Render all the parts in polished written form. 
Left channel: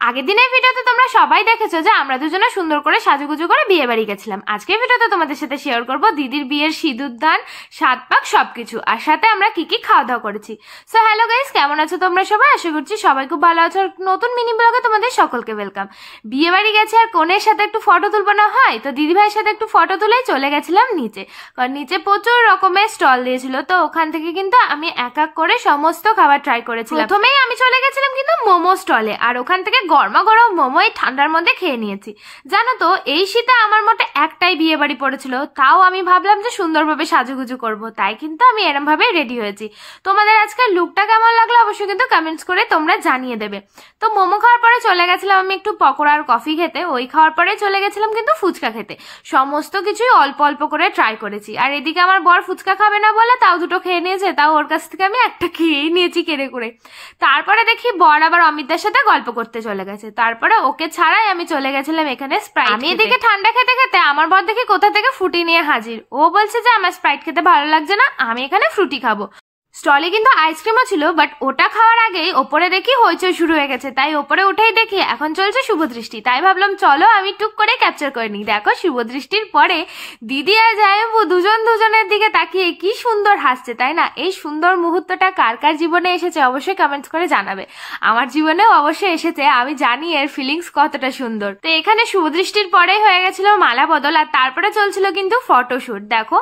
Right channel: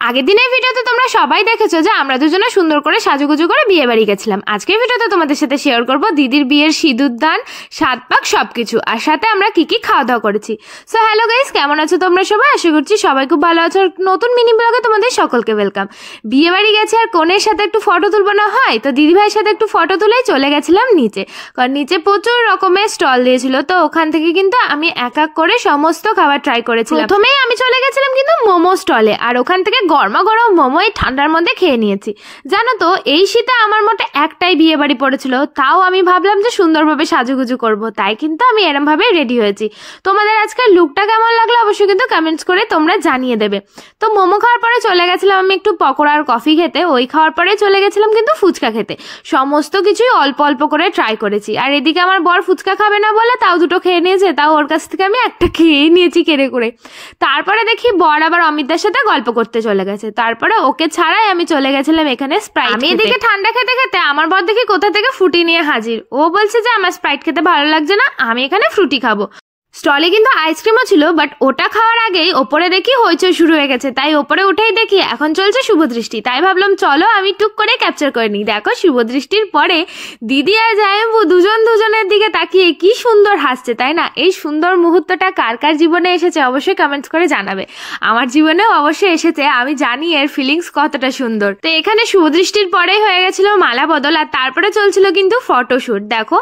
আগের দিনের ভিডিওতে তোমরা সবাই দেখেছো যে আমরা দুজনে সুন্দর করে সাজুগুজু করে বিয়ে বাড়ি গেছিলাম। আজকের ভিডিওতে তোমাদের সাথে শেয়ার করব দিদির বিয়ের সিঁদুরদান, সাত পাক সবকিছু, আর সাথে আমরা কি কি খাওয়া দাওয়া করেছি। সো হ্যালো গাইস, কেমন আছো তোমরা সবাই? আশা করছি সবাই খুব ভালো আছো। আর নতুন মিনি ব্লগে তোমাদের সকলকে ওয়েলকাম। বিয়ে বাড়ি গেছে আর কনের সাথে একটু ফটো তুলবো না হয়, তো দিদি ভাইয়ের সাথে একটু ফটো তুলেই চলে গেছিলাম নিচে, কারণ নিচে প্রচুর রকমের স্টল দিয়েছিল। তো ওখান থেকে কিন্তু আমি এক এক করে সমস্ত খাবার ট্রাই করেছিলাম। প্রথমেই আমি চলে গেছিলাম কিন্তু মোমো স্টলে, আর ওখান থেকে গরমা গরম মোমো এই ঠান্ডার মধ্যে খেয়ে নিয়েছি। জানো তো, এই শীতে আমার মোটে একটাই বিয়ে বাড়ি পড়েছিল, তাও আমি ভাবলাম যে সুন্দরভাবে সাজুগুজু করব, তাই কিন্তু আমি এরম ভাবে রেডি হয়েছি। তোমাদের আজকের লুকটা কেমন লাগলো অবশ্যই কিন্তু কমেন্টস করে তোমরা জানিয়ে দেবে। তো মোমো খাওয়ার পরে চলে গেছিলাম আমি একটু পকোড়া আর কফি খেতে, ওই খাওয়ার পরে চলে গেছিলাম কিন্তু ফুচকা খেতে। সমস্ত কিছুই অল্প অল্প করে ট্রাই করেছি। আর এদিকে আমার বর ফুচকা খাবে না বলে তাও দুটো খেয়ে নিয়েছে, তাও ওর কাছ থেকে আমি একটা খেয়েই নিয়েছি কেড়ে করে। তারপরে দেখি বর আবার অমিতদার সাথে গল্প করতে চলে গেছে। তারপরে ওকে ছাড়াই আমি চলে গেছিলাম এখানে স্প্রাইট। আমি এদিকে ঠান্ডা খেতে খেতে আমার বর দেখি কোথা থেকে ফ্রুটি নিয়ে হাজির। ও বলছে যে আমার স্প্রাইট খেতে ভালো লাগছে না, আমি এখানে ফ্রুটি খাবো। স্টলে কিন্তু আইসক্রিমও ছিল, বাট ওটা খাওয়ার আগেই ওপরে দেখি হইচই শুরু হয়ে গেছে। তাই ওপরে উঠেই দেখি এখন চলছে শুভদৃষ্টি। তাই ভাবলাম চলো আমি টুক করে ক্যাপচার করে নিই। দেখো শুভদৃষ্টির পরে দিদি আর জামাইবাবু দুজনের দিকে তাকিয়ে কি সুন্দর হাসছে, তাই না? এই সুন্দর মুহূর্তটা কার কার জীবনে এসেছে অবশ্যই কমেন্টস করে জানাবে। আমার জীবনেও অবশ্যই এসেছে, আমি জানি এর ফিলিংস কতটা সুন্দর। তো এখানে শুভদৃষ্টির পরেই হয়ে গেছিল মালা বদল, আর তারপরে চলছিল কিন্তু ফটোশুট। দেখো,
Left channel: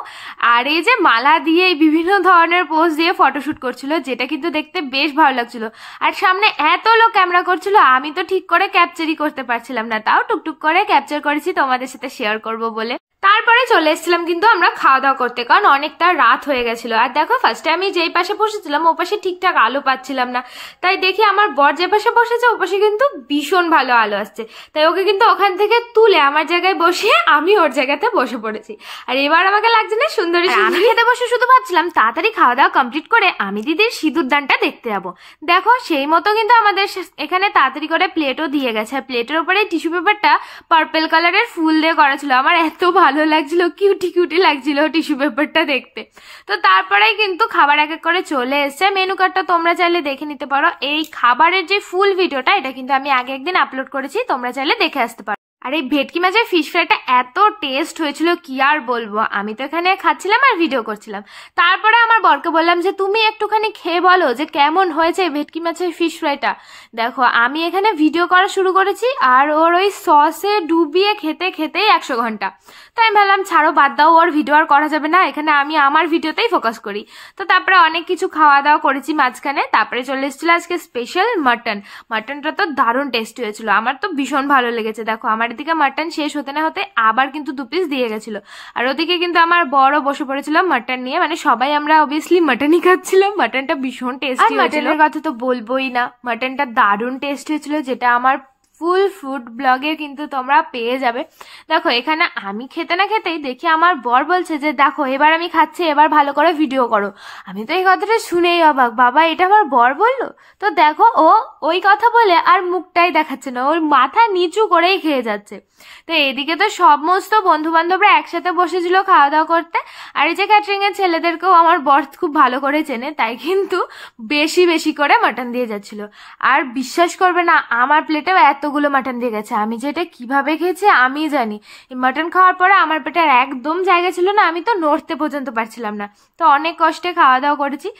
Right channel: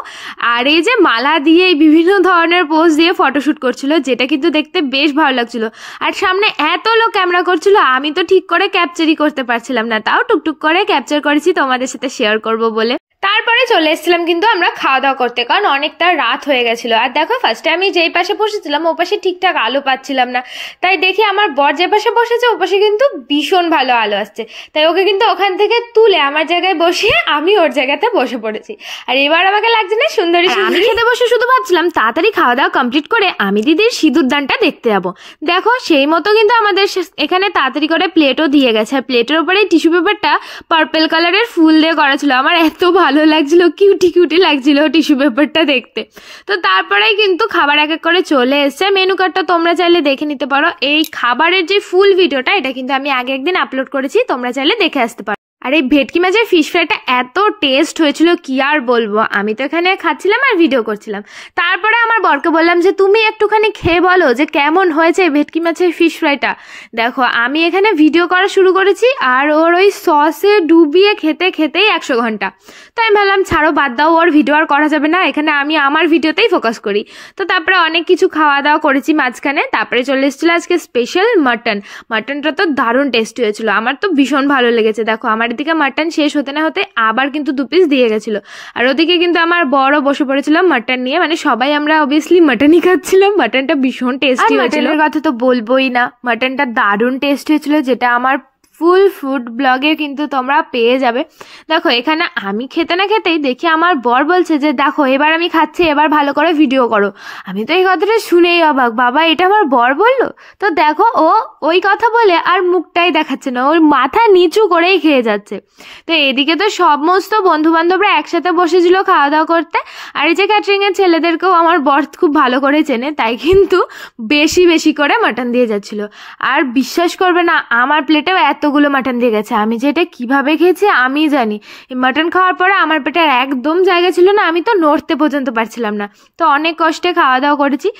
আর এই যে মালা দিয়ে বিভিন্ন ধরনের পোজ দিয়ে ফটোশুট করছিল, যেটা কিন্তু দেখতে বেশ ভালো লাগছিল। আর সামনে এত লোক ক্যামেরা করছিল, আমি তো ঠিক করে ক্যাপচারই করতে পারছিলাম না, তাও টুকটুক করে ক্যাপচার করেছি তোমাদের সাথে শেয়ার করব বলে। তারপরে চলে এসেছিলাম কিন্তু আমরা খাওয়া দাওয়া করতে, কারণ অনেকটা রাত হয়ে গেছিল। আর দেখো, ফার্স্টে আমি যেই পাশে বসেছিলাম ও পাশে ঠিকঠাক আলো পাচ্ছিলাম না, তাই দেখি আমার বর যে পাশে বসেছে ও পাশে কিন্তু ভীষণ ভালো আলো আসছে। তাই ওকে কিন্তু ওখান থেকে তুলে আমার জায়গায় বসিয়ে আমি ওর জায়গাতে বসে পড়েছি। আর এবার আমাকে লাগছে না সুন্দরী। আমি খেতে বসে শুধু ভাবছিলাম তাড়াতাড়ি খাওয়া দাওয়া কমপ্লিট করে আমি দিদির সিঁদুরদানটা দেখতে যাবো। দেখো, সেই মতো কিন্তু আমাদের এখানে তাড়াতাড়ি করে প্লেটও দিয়ে গেছে। আর প্লেটের উপরে টিস্যু পেপারটা পার্পল কালারের ফুল দিয়ে করা ছিল। আমার এত ভালো লাগছিল, কিউটি কিউটি লাগছিল টিস্যু পেপারটা দেখতে। তো তারপরে কিন্তু খাবার এক এক করে চলে এসছে। মেনু কার্ডটা তোমরা চাইলে দেখে নিতে পারো। এই খাবারের যে ফুল ভিডিওটা, এটা কিন্তু আমি আগে একদিন আপলোড করেছি, তোমরা চাইলে দেখে আসতে পারো। আর এই ভেটকি মাছের ফিশ ফ্রাইটা এত টেস্ট হয়েছিল কি আর বলবো। আমি তো এখানে খাচ্ছিলাম আর ভিডিও করছিলাম। তারপরে আমার বরকে বললাম যে তুমি একটুখানি খেয়ে বলো যে কেমন হয়েছে ভেটকি মাছের ফিশ ফ্রাইটা। দেখো, আমি এখানে ভিডিও করা শুরু করেছি আর ওর ওই সসে ডুবিয়ে খেতে খেতেই 100 ঘন্টা। তো আমি ভাবলাম ছাড়ো, বাদ দাও, ওর ভিডিও আর করা যাবে না, এখানে আমি আমার ভিডিওতেই ফোকাস করি। তো তারপরে অনেক কিছু খাওয়া দাওয়া করেছি মাঝখানে। তারপরে চলে এসেছিল আজকে স্পেশাল মাটনটা তো দারুণ টেস্টি হয়েছিল, আমার তো ভীষণ ভালো লেগেছে। দেখো, আমার এদিকে মাটন শেষ হতে না হতে আবার কিন্তু 2 পিস দিয়ে গেছিল। আর ওদিকে কিন্তু আমার বড় বসে পড়েছিল মাটন নিয়ে, মানে সবাই আমরা অবভিয়াসলি মাটনই খাচ্ছিলাম। মাটনটা ভীষণ টেস্টি হয়েছিল, মাটনের কথা তো বলবোই না, মাটনটা দারুণ টেস্টি হয়েছিল, যেটা আমার ফুল ফুড ব্লগে কিন্তু তোমরা পেয়ে যাবে। দেখো, এখানে আমি খেতে না খেতেই দেখি আমার বর বলছে যে দেখো এবার আমি খাচ্ছি, এবার ভালো করে ভিডিও করো। আমি তো এই কথাটা শুনেই অবাক, বাবা এটা আমার বর বললো? তো দেখো, ও ওই কথা বলে আর মুখটাই দেখাচ্ছে না, ওর মাথা নিচু করেই খেয়ে যাচ্ছে। তো এদিকে তো সমস্ত বন্ধু বান্ধবরা একসাথে বসেছিল খাওয়া দাওয়া করতে। আর এই যে ক্যাটারিং এর ছেলেদেরকেও আমার বর খুব ভালো করে চেনে, তাই কিন্তু বেশি বেশি করে মাটন দিয়ে যাচ্ছিল। আর বিশ্বাস করবে না, আমার প্লেটেও এতগুলো মাটন দিয়ে গেছে। আমি যে এটা কিভাবে খেয়েছি আমি জানি। এই মাটন খাওয়ার পরে আমার পেটে একদম জায়গা ছিল না, আমি তো নড়তে পর্যন্ত পারছিলাম না। তো অনেক কষ্টে খাওয়া দাওয়া করেছি।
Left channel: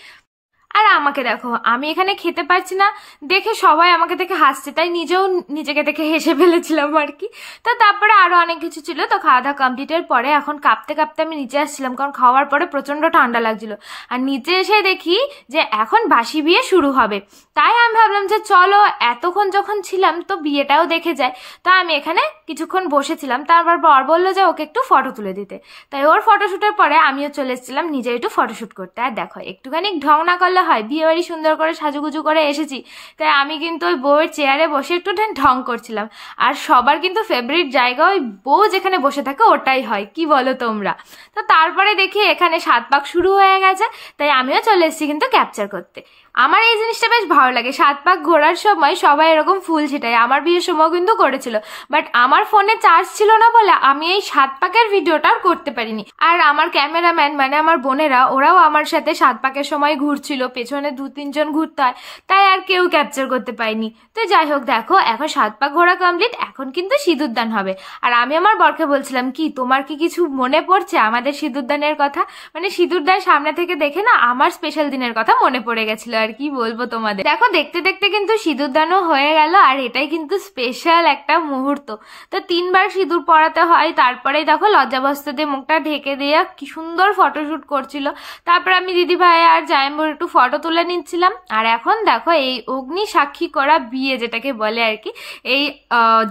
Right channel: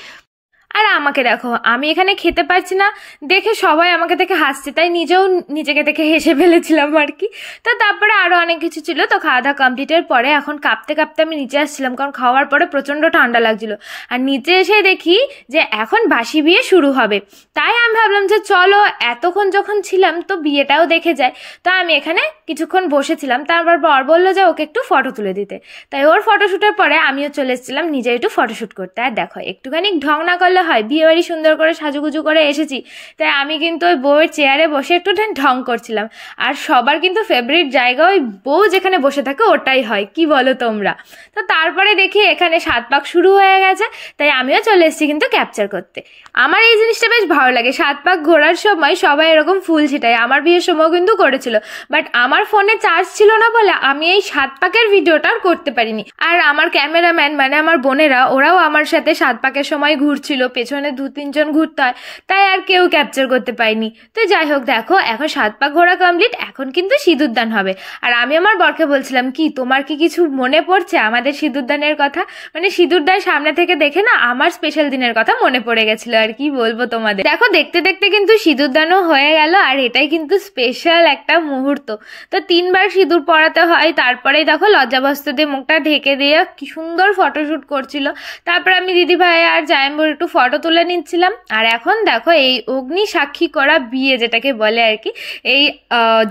আর আমাকে দেখো, আমি এখানে খেতে পারছি না দেখে সবাই আমাকে দেখে হাসছে, তাই নিজেও নিজেকে দেখে হেসে ফেলেছিলাম আর কি। তো তারপরে আরো অনেক কিছু ছিল। তো খাওয়া দাওয়া কমপ্লিটের পরে এখন কাঁপতে কাঁপতে আমি নিচে আসছিলাম, কারণ খাওয়ার পরে প্রচন্ড ঠান্ডা লাগছিল। আর নিচে এসে দেখি যে এখন বাসি বিয়ে শুরু হবে। তাই আমি ভাবলাম যে চলো এতক্ষণ যখন ছিলাম তো বিয়েটাও দেখে যায়। তা আমি এখানে কিছুক্ষণ বসেছিলাম। তারপর বর বললো যে ওকে একটু ফটো তুলে দিতে। তাই ওর ফটোশুটের পরে আমিও চলে এসেছিলাম নিজে একটু ফটোশুট করতে। আর দেখো, একটুখানি ঢং না করলে হয়, বিয়ে বাড়ি সুন্দর করে সাজুগুজু করে এসেছি, তাই আমি কিন্তু ওই বউয়ের চেয়ারে বসে একটু ঢং করছিলাম। আর সবার কিন্তু ফেভারিট জায়গা ওই বউ যেখানে বসে থাকে ওটাই হয়, কি বলো তোমরা? তো তারপরে দেখি এখানে 7 পাক শুরু হয়ে গেছে, তাই আমিও চলে এসেছি কিন্তু ক্যাপচার করতে। আমার এই জিনিসটা বেশ ভালো লাগে, 7 পাক ঘোরার সময় সবাই এরকম ফুল ছিটায়। আমার বিয়ের সময় কিন্তু করেছিল, বাট আমার ফোনে চার্জ ছিল না বলে আমি এই 7 পাকের ভিডিওটা আর করতে পারিনি। আর আমার ক্যামেরাম্যান মানে আমার বোনেরা, ওরাও আমার সাথে 7 পাকের সময় ঘুরছিল, পেছনে 2-3 জন ঘুরতে হয়, তাই আর কেউ ক্যাপচার করতে পারিনি। তো যাই হোক, দেখো এখন 7 পাক ঘোরা কমপ্লিট, এখন কিন্তু সিঁদুরদান হবে। আর আমি আমার বরকে বলছিলাম, কি তোমার কি কিছু মনে পড়ছে আমাদের সিঁদুরদানের কথা? মানে সিঁদুরদান সামনে থেকে দেখে না আমার স্পেশাল দিনের কথা মনে পড়ে গেছিল। আর কি বলবো তোমাদের, দেখো দেখতে দেখতে কিন্তু সিঁদুরদানও হয়ে গেল, আর এটাই কিন্তু স্পেশাল একটা মুহূর্ত। তো 3 বার সিঁদুর পরাতে হয়, তারপরেই দেখো লজ্জাবস্ত্র দিয়ে মুখটা ঢেকে দিয়ে কি সুন্দর ফটোশুট করছিল। তারপর আমি দিদি ভাই আর জায়েম্বুর একটু ফটো তুলে নিচ্ছিলাম। আর এখন দেখো এই অগ্নি সাক্ষী করা বিয়ে যেটাকে বলে আর কি, এই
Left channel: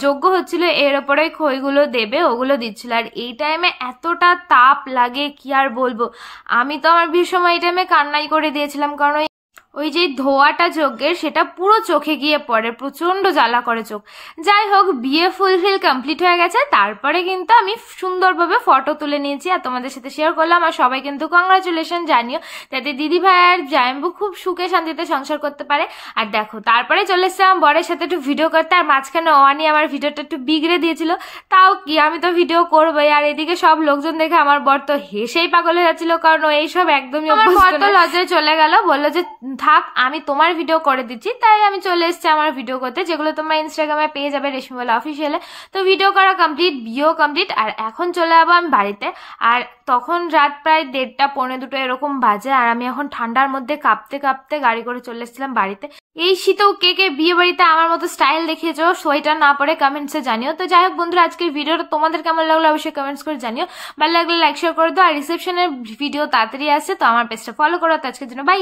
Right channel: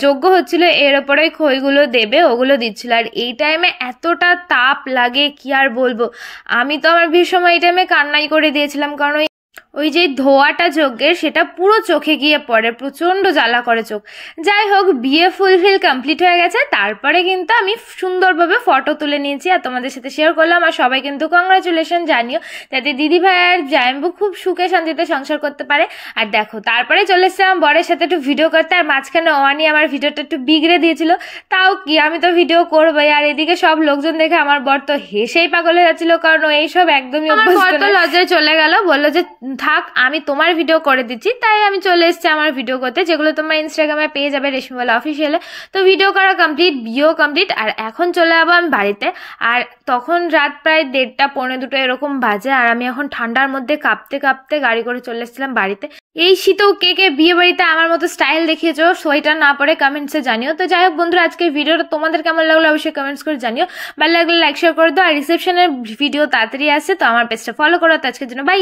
যজ্ঞ হচ্ছিল, এর ওপরে খইগুলো দেবে ওগুলো দিচ্ছিল। আর এই টাইমে এতটা তাপ লাগে কি আর বলবো, আমি তো আমার বিয়ের সময় এই টাইমে কান্নাই করে দিয়েছিলাম, কারণ ওই যে ধোয়াটা যজ্ঞের সেটা পুরো চোখে গিয়ে পড়ে, প্রচন্ড জ্বালা করে চোখ। যাই হোক, বিয়ে ফুলফিল কমপ্লিট হয়ে গেছে। তারপরে কিন্তু আমি সুন্দরভাবে ফটো তুলে নিয়েছি আর তোমাদের সাথে শেয়ার করলাম। আর সবাই কিন্তু কংগ্রাচুলেশন জানিও, যাতে দিদি ভাই আর জায়েম্বু খুব সুখে শান্তিতে সংসার করতে পারে। আর দেখো তারপরে চলে এসেছিলাম বরের সাথে একটু ভিডিও করতে, আর মাঝখানে ওয়ানি আমার ভিডিওটা একটু বিগড়ে দিয়েছিল, তাও কি আমি তো ভিডিও করবোই। আর এদিকে সব লোকজন দেখে আমার বর তো হেসেই পাগল হয়ে যাচ্ছিল, কারণ এইসব একদমই অভ্যস্ত না। লজ্জায় চলে গেল, বললো যে থাক আমি তোমার ভিডিও করে দিচ্ছি। তাই আমি চলে এসেছি আমার ভিডিও করতে, যেগুলো তোমরা ইনস্টাগ্রামে পেয়ে যাবে রেশমিবালা অফিসিয়ালে। তো ভিডিও করা কমপ্লিট, বিয়েও কমপ্লিট, আর এখন চলে যাবো আমি বাড়িতে। আর তখন রাত প্রায় 1:30 পৌনে 2 এরকম বাজে, আর আমি এখন ঠান্ডার মধ্যে কাঁপতে কাঁপতে গাড়ি করে চলে এসেছিলাম বাড়িতে। এই শীতেও কে কে বিয়ে বাড়িতে আমার মতো স্টাইল দেখিয়েছো সোয়েটার না পরে কমেন্টসে জানিও। তো যাই হোক বন্ধুরা, আজকের ভিডিওটা তোমাদের কেমন লাগলো অবশ্যই কমেন্টস করে জানিও। ভালো লাগলে লাইক শেয়ার করে দাও। আর রিসেপশনের ভিডিও তাড়াতাড়ি আসছে, তো আমার পেজটা ফলো করো। তো আজকের জন্য বাই।